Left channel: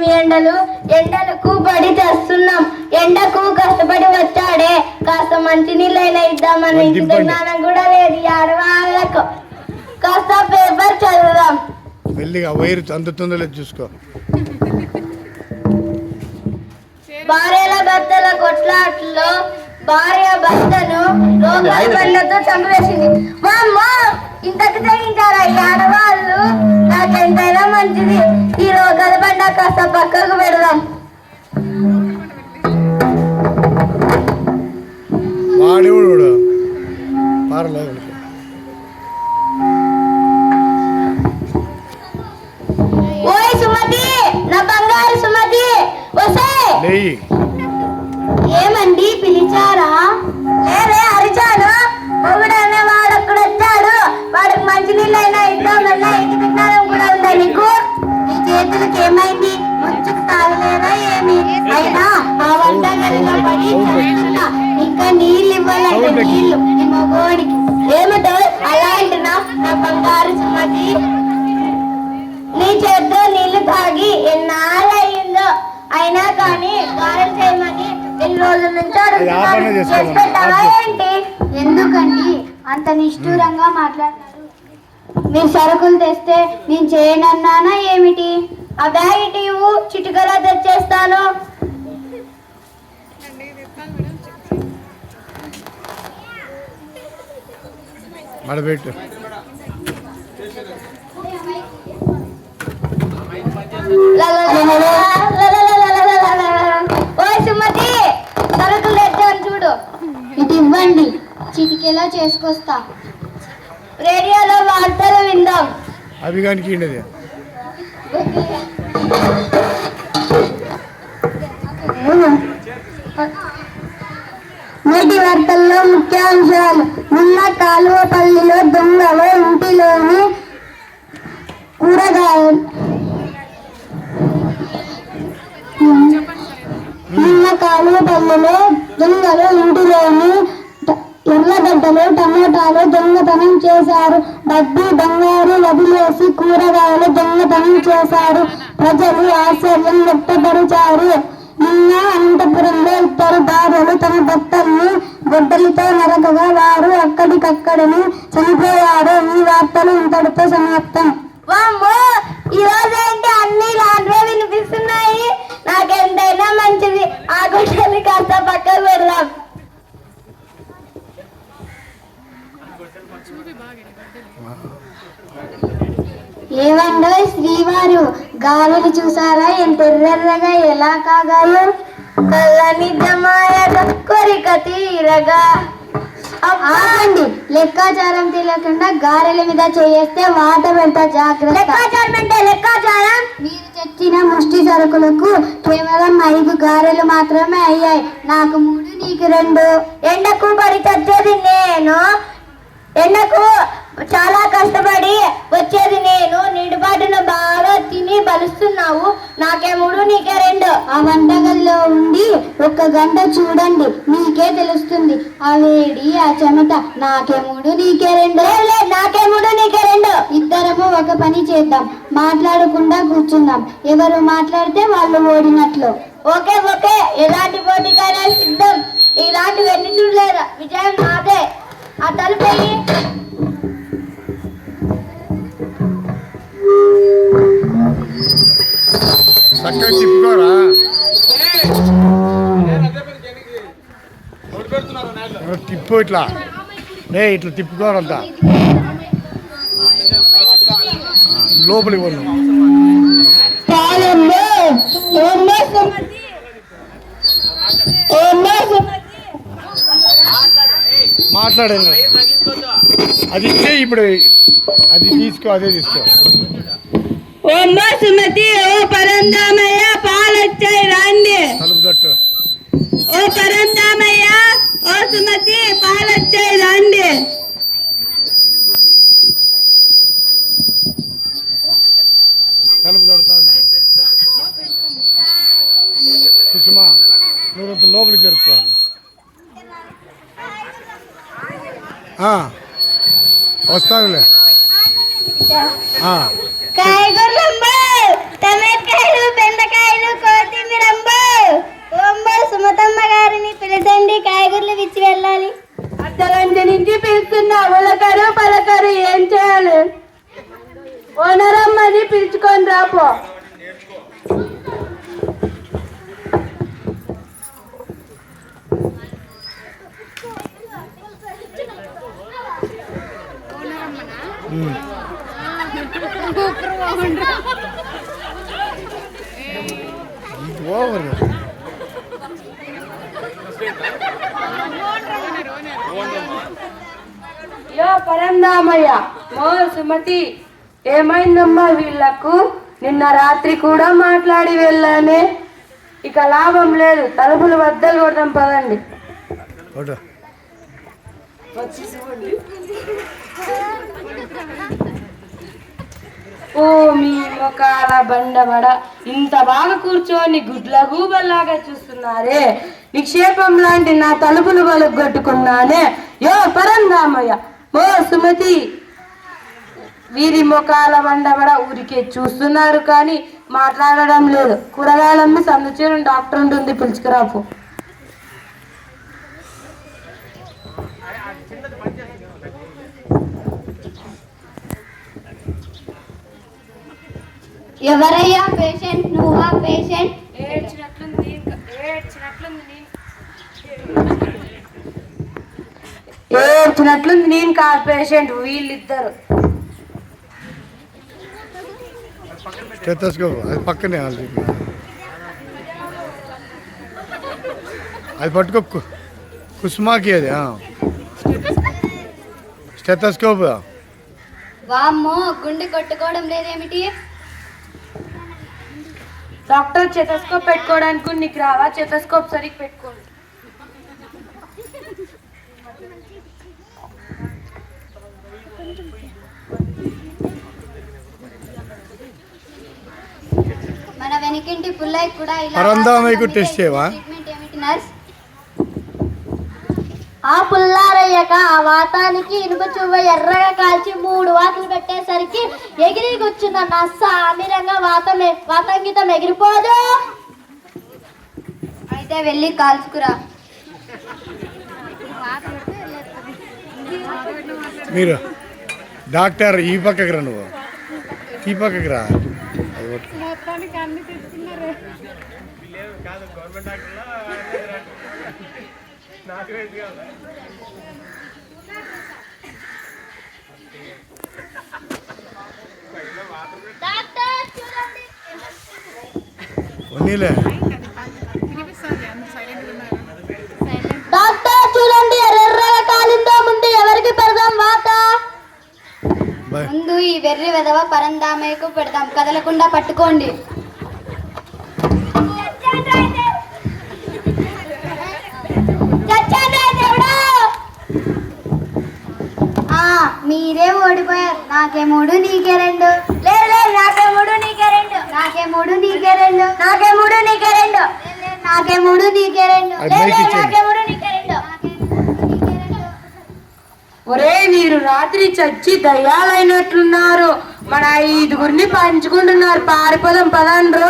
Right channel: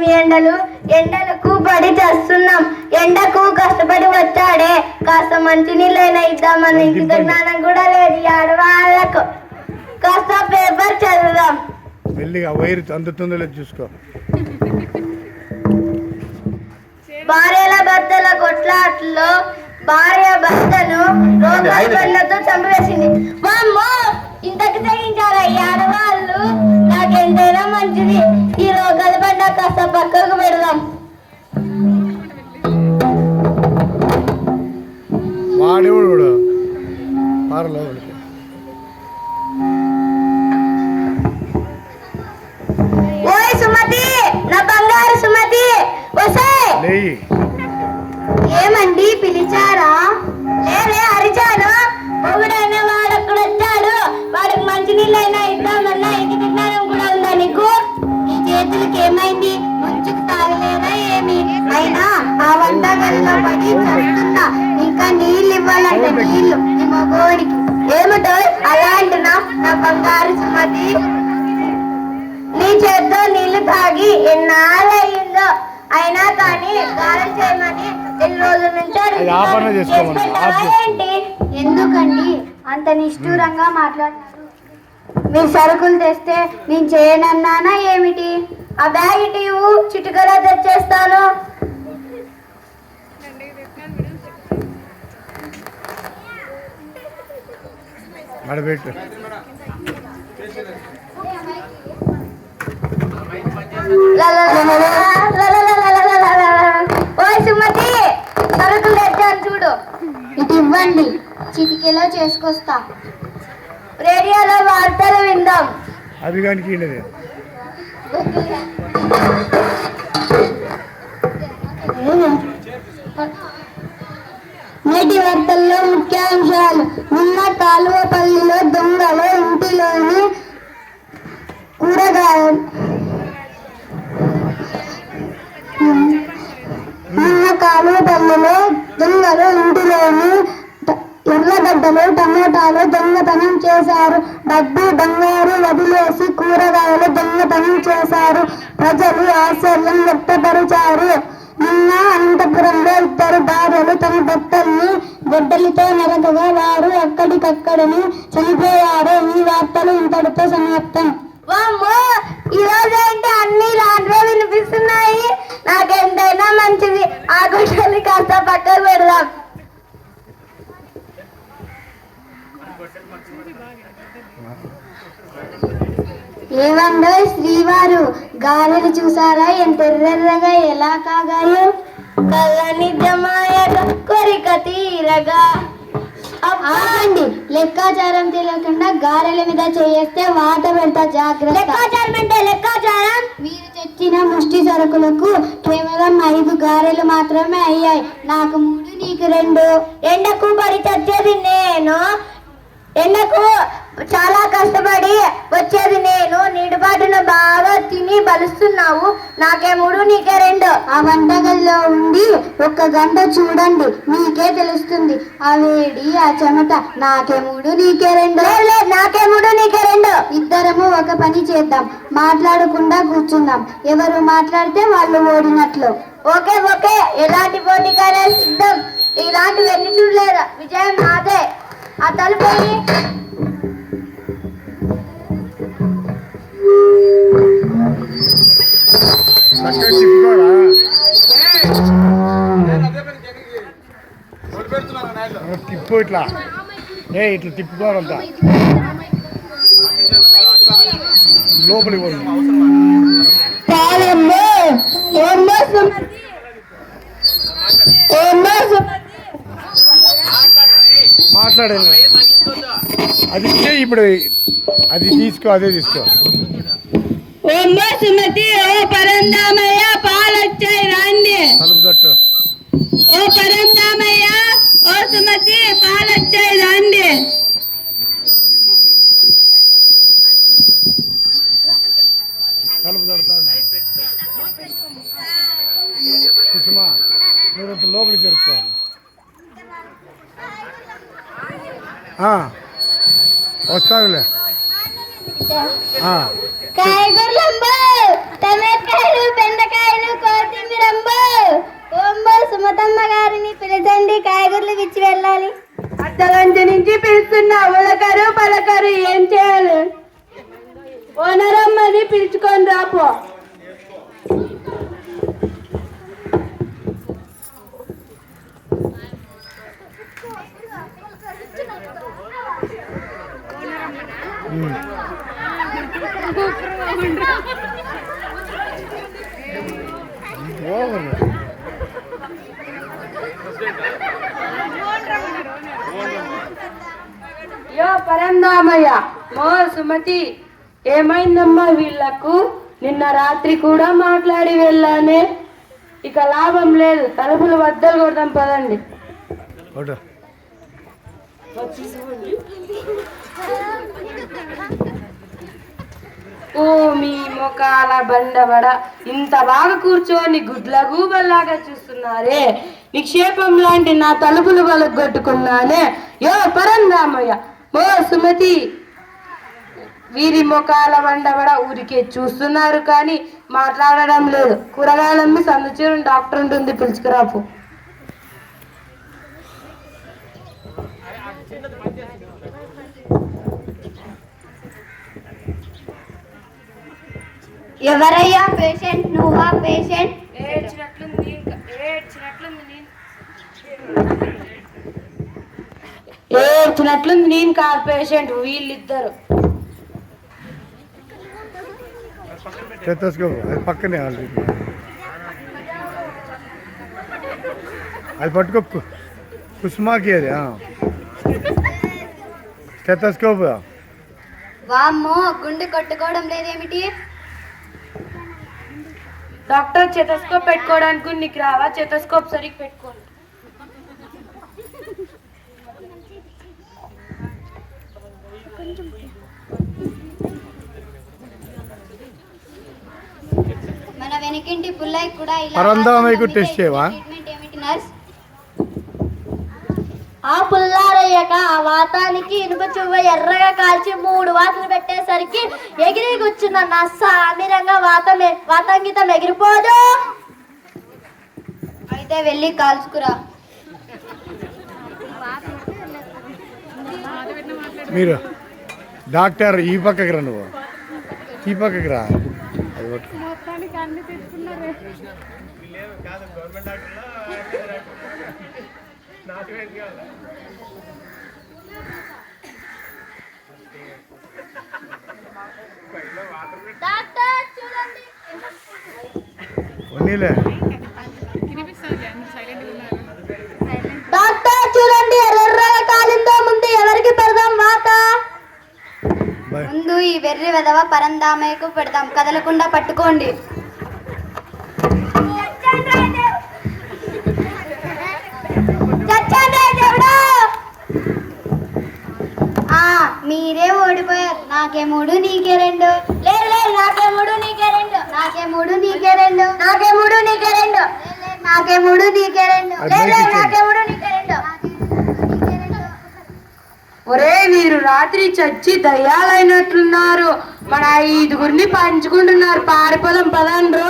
ఏమి ఎండలు ఎండలకు పడి చేస్తున్నాం. ఎండకు కష్టపడి వచ్చాడే. కాస్త మంచి నీళ్ళైనా ఇద్దామని ఇంకిత జ్ఞానం కూడా లేదు ఆడవాళ్ళకు. కాస్త పేపర్ చదువుదాం. మెల్లిగా వైరు అందుతుందో లేదో చూసుకో. భార్యల భర్తల కొట్లాట్లో భార్య భర్తను చంపివేసింది వామ్మో! ఇంతకు తెగించారా ఈ ఆడవాళ్ళు? నాకెంతైనా మంచిది. ఈ రోకలి బండ కాస్త పక్కకు పెడదాం. వాడేవాడు వాడు పార లోపలికి ఓయ్ సుమతి నా బంగారు సుమతి వసాయ్ లేయి. ఏమండి పిలిచారా? లేదే అరిచాను. మొగుడన్న వాడు అక్కడ వచ్చాడు. వాడికి మంచి ఏమైంది? ముంచుకు తాగలేదా ఏమి? అయినా ఆ వంటగదిలో పడి చస్తున్నా ఇంకా నీళ్ళు ఇవ్వాలంటే నీళ్ళు. నీ మగోడికి. ఏమిటో అలా అంటున్నా? నా బంగారు సుమతి. నీ చేత్తో నీళ్ళు తాగి ఎన్నాళ్ళయిందో. అయినా కానీ గారం చేయమని ఎన్ని రోజుల నుంచి? ఎందుకండి అంత నిష్ఠూరంగా మాట్లాడతారు మీరు సరుకులు తెస్తే నేను చేయనన్నానా ఏమిటి? ఆ బ్యాగ్ ఇటు ఇవ్వు, చిటికలో తెచ్చేస్తాను మడబెట్టు సుమతి సరుకులు తెచ్చాను చూడు ఇటు ఇవ్వండి చిటికెలా చేసుకొస్తా రేడియోలో వార్తలు విందాం అవి కానీ నేటి వార్తల్లో ముఖ్యాంశాలు. నిన్న కాలువపల్లిలో దొంగలు ఇంటిలోని కూరగాయలు. నిన్న కాలువపల్లిలో దొంగలు ఇంటిలోని ట- టమోటాలు దొంగతనం చేశారు. డబ్బు బంగారు వదిలేసి కూరగాయలు దొంగతనం చేశారు. ప్రజలు ఆశ్చర్యం వ్యక్తపరిచారు. నిన్న అనంతపురంలో ఇద్దరు భార్యలు తమ భర్తల్ని గొడ్డలితో నరకగా వారు అక్కడికక్కడనే చనిపోయారు. ఈ వార్తలు ఇంతటితో సమాప్తం. ఈ రోజు అన్ని రాను వినిపిస్తున్నాయి నాకెంతైనా మంచిది ఆ గుడ్డలు కాస్త పక్కకు పెడదాం ఏమండో శ్రీవారు. గాలులు చూసారా? ఎంత ఎర్రెర్రగా ఎలా కాగాయో? కళ్ళని జమాయగా కోరిక తీరగా. ఆగండి లెక్కాచారం తెలియకుండా గారెల మీద చేస్తే వాత పెడతా జాగ్రత్త. లెక్కాచారం అంటే లెక్కాచారం? మీరు తెచ్చిన ముష్టి సరుకులకు కేవలం ఐదు గారెలు మాత్రమే అయ్యాయి. నాకు మూడు నీకు రెండు. ఎండకు పడి తెచ్చేది నేను. ఎండకు చాలా కష్టపడి వచ్చేది నేను. నీటిబాటున బాగా తిని బలుస్తున్నావు. నాకే మూడు నీకే రెండు. ఆ వంటగదిలో ఉండి ఒక్క గంట చూడండి. మీకే తెలుస్తుంది. ఆ వేడి ఆ చెమట నాకే మూడు నీకే రెండు. నాకే మూడు నీకే రెండు. ఇద్దరము ఒక పని చేద్దాం. మాట్లాడకుండా కూర్చుందాం. ఎవరు మాట్లాడితే వాళ్ళు ఓడినట్లు. Okay okay. ఎలాంటి పోటీకైనా సిద్ధం. ఇలాంటివి ఎన్ని చూడలేరు విజయం నాదే. ఆ తలుపేయి తిప్పు ఇట్లా. ఏ ఇట్లా తిప్పుకోరంతా లోపలికి పోను మాట్లాడండి అది ఇచ్చే ఇప్పుడు అది తీసుకో అదే తీసుకో. ఓమ్మ సుమతి ఓ పరందామయ్య పాలొచ్చాయి రండి. ఓ పరందామయ్య ఓ సుమతి పాలొచ్చాయి రండి. తలుపు తడతాడు. కుసుమ మీరు లోపలికి జరుపుకోవాలి కాయగూరలంబు టమాటకాయలు బెండకాయలు కోతిమీరంబు ఓంబో సుమతమ్మ గారిని పిలిచండి కాయగూరలు విచ్చి వెళ్ళాలి. అర్ధగంట నుంచి పిలుస్తున్నా ఉలకరు పలకరు ఏం చేయాలి? ఓనరమ్మని పిలుచుకొని రాపో. ఓవర్. యో పరందామయ్య మో సుమతి ఏమైందమ్మా వీళ్ళకు? నిన్న రాత్రి కూడా మాట్లాడి వెళ్ళానే. ఇక లాభం లేదు తలుపులు బద్దలు కొడదాం పదండి. ఒకటి ఓ మీ మొకాల బండబడ. ఇంత బాగా కూర్చొని గుడ్ల గూబల్లాగా చూస్తున్నారే. నిక్షేపం లాంటి నా తలుపులు పలుగొట్టుకున్నానే యో పరందామయ్య. ఓ సుమతి. వీరి ముఖాల బండబడ ఊరికే చూస్తున్నారు కానీ మాట్లాడడం లేదు. కూరగాయలమ్మి సందుచేరు డాక్టర్ ఉంటుంది పిలుచుకురాపు. ఎవరయ్యా పేషెంట్ నువ్వా పేషెంట్ ఏడ్చినట్లుంది ఏడ్చినట్లుంది ఏడ్చినట్లుంది నేను కాదు పేషెంట్ వీళ్ళిద్దరు. స్టెతస్కోప్ అది పక్కనే అది అది పట్టుకో. కుసుమాకి అది స్టెతస్కోప్ వామ్మో గుండె కొట్టుకోవడం లేదేమిటి? డాక్టర్ చెతస్కోప్ పెట్టుకోవడానికి నీకు రావా? చెతస్కోప్ సరిగ్గా పెట్టుకోండి మన వెనకింటి పుల్లయ్య కూడా ఇలా పరందామయ్యకు టెస్ట్ చేయవా? ట్రీట్మెంట్ ఏమిటి నర్స్ ఆ పుల్లారయ్యక ఆ వాతానికి ఇనుప చువ్వ ఎర్రగా కాల్చి మూడు వాతలు పెట్టేసరికి ఎగిరి కూర్చున్న నస్స అమిరంగా వాతం వాతంగితం ఎగిరిపోదు. అయితే వెళ్ళి కాల్చుకురా. మీరు డాక్టర్ ఈ పక్కకి రా నువ్వు. ఈ పక్కకి రా. అది పట్టుకో. ఉన్నీలే డాక్టర్ చూడండి ఎర్రగా కాలిందో ముందు ఎవరికి పెడదాం వాత? ముందు ఈ వెర్రి వెదవ పరందామయ్యకు పెడదాం. కదలకుండా పట్టుకోండి. ఆ, మీరే ఓడిపోయారు. నాకే మూడు నీకే రెండు. నీకే మూడు నీకే రెండు. నాకే మూడు నీకే రెండు. నాకే మూడు నీకే రెండు. నాకే మూడు నీకే రెండు. ఒరే వీరు రాత్రి చచ్చి దయ్యాలైనట్లున్నారు. మన ఐదుగురిని పంచుకుంటున్నారు. పారిపోదాం పదండ్రు